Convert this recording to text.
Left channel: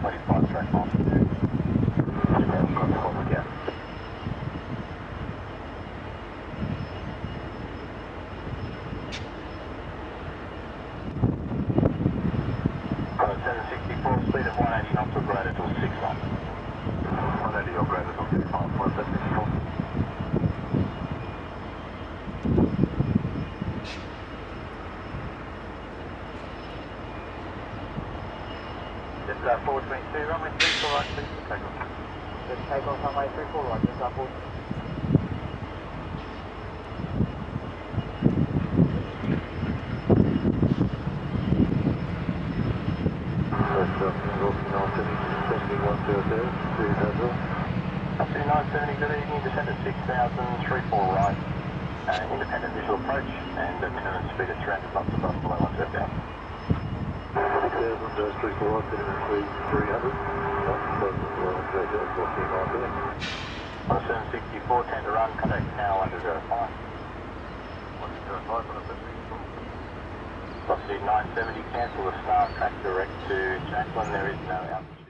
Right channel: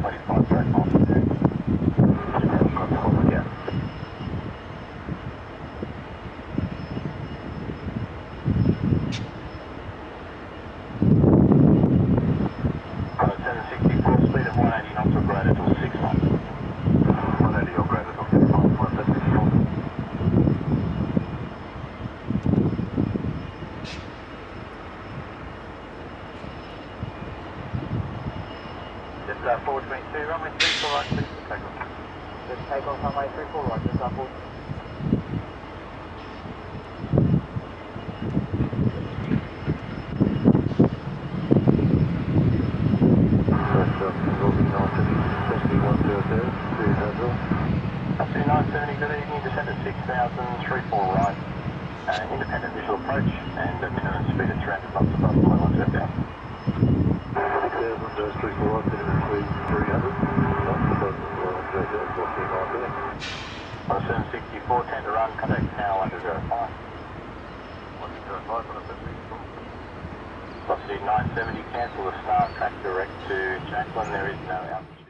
25 direct miles to do. Yeah. Got a 764, speed of 180 knots or greater till 6 knots. 180 or greater till 6 knots, 174. Just 422, runway 34 right, please for takeoff. Just take off runway 34 right, just 4. Aussie 970, good evening, descend at 6,034 right, independent visual approach, and a minimum speed of 300 knots above below 1 step down. 6,034 right, minimum speed 300 knots above below 1 step down, 14 miles there. On a 764, 10 to run, contact tower under 05. 105 on a 764. Aussie 970, cancel the start, track direct to Jacqueline, there is no altitude.